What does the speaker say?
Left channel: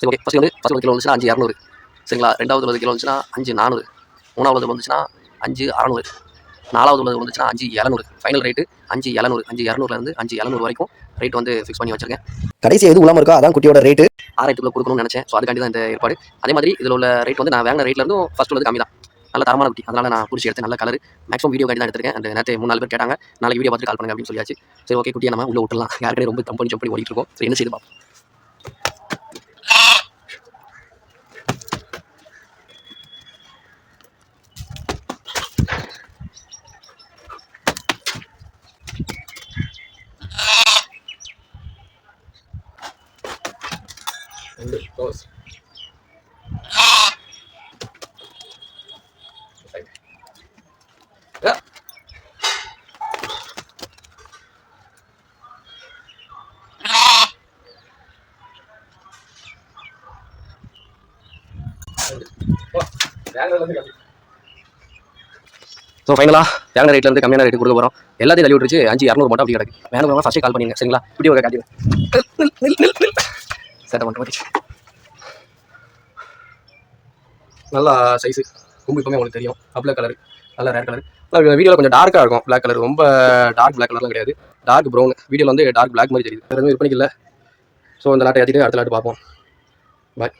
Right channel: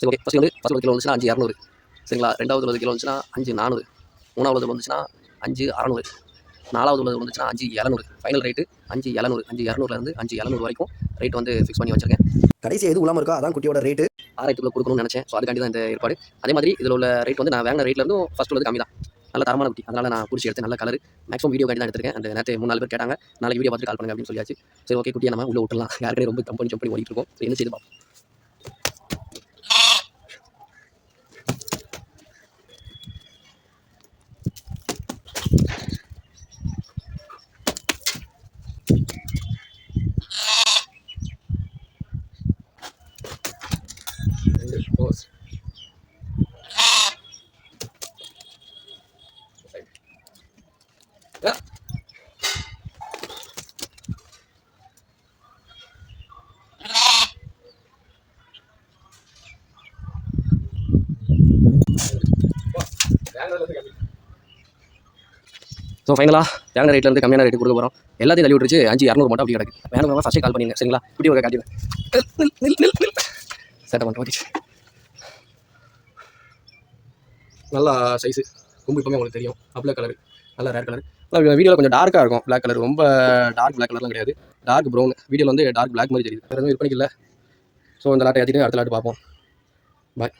சரி okay. First kilo வந்துச்சுன்னா 5,200 சரிங்களா. ரெண்டாவது உள்ளது கிலோ வந்துச்சுன்னா 5,400. மூணாவது வந்துச்சுன்னா 5,600. நாலாவது உள்ளது வந்துச்சுன்னா 5,700. Final rate 5,700. 5,200லேருந்து 5,700 வரைக்கும் ரேட் வந்து ஃபிக்ஸ் பண்ணி வச்சிருக்கேன். கடைசி எது உள்ளாமல் இருக்கோ அதான் குட்டியோட ரேட்டு. 6,000 கொடுக்கணும்னு நினச்சேன். ஸோ அதுக்காண்டி தான் இந்த ஏற்பாடு. அதே மாதிரி இதில் உள்ள ரேட் வந்து நான் வாங்கின ரேட்லேருந்தும் ஃபஸ்ட் உள்ளது கம்மி தான். நல்ல தரமான குட்டி, அதனால் நான் பிடிச்சி எடுத்து நல்ல கலர். மேக்ஸிமம் வீடியோ கார்டு தான் எடுத்திருக்கேன். அந்த நேரத்தை 3-4 பேர் கேட்டாங்க, நாளைக்கு வீடியோ பார்த்துட்டு கால் பண்ணுங்க அப்படின்னு சொல்லியாச்சு. சரி ஓகே, குட்டியை நம்ம உள்ள விட்டுலாம். யாருக்கே ரொம்ப கம்பெனி ஜம்ப் பண்ணி ஓடிட்டு இருக்கோம். சரி என்ன செய்து பார்ப்போம். ஸோ ஃபைனலாக வாங்கின ரேட்லேருந்து கம்மியான ரேட்டு கொடுக்க போகிறோம். எல்லாத்தையும் தள்ளி விட்டுருச்சு. 5,200 மட்டும் அப்படி கிடக்கு. வேணும் ஃபஸ்ட்டே கால் பண்ணிங்க சரிங்களா. வீடியோ காட்டுவேன். சேட்டை மட்டும் வந்துச்சு. நல்லா சைஸு ரொம்ப இப்போமே உங்களுக்கு தெரியும். அப்ள கலர் நல்லா ரேர் கலர். வீடியோவில் கொஞ்சம் டார்க்காக இருக்கும். பிளாக் கலர் ரொம்ப டார்க் பிளாக் கலர்லாம் கிடையாது. Dark brown. வீடியோவில் வந்து டார்க் பிளாக் மாதிரி தெரியுது. வேறு எதுவும் விற்பனைக்கு இல்லை. ஸோ இந்த லாட்டை ஏற்றிட்டு அடுத்த லாட்டு பார்ப்போம். பாய்.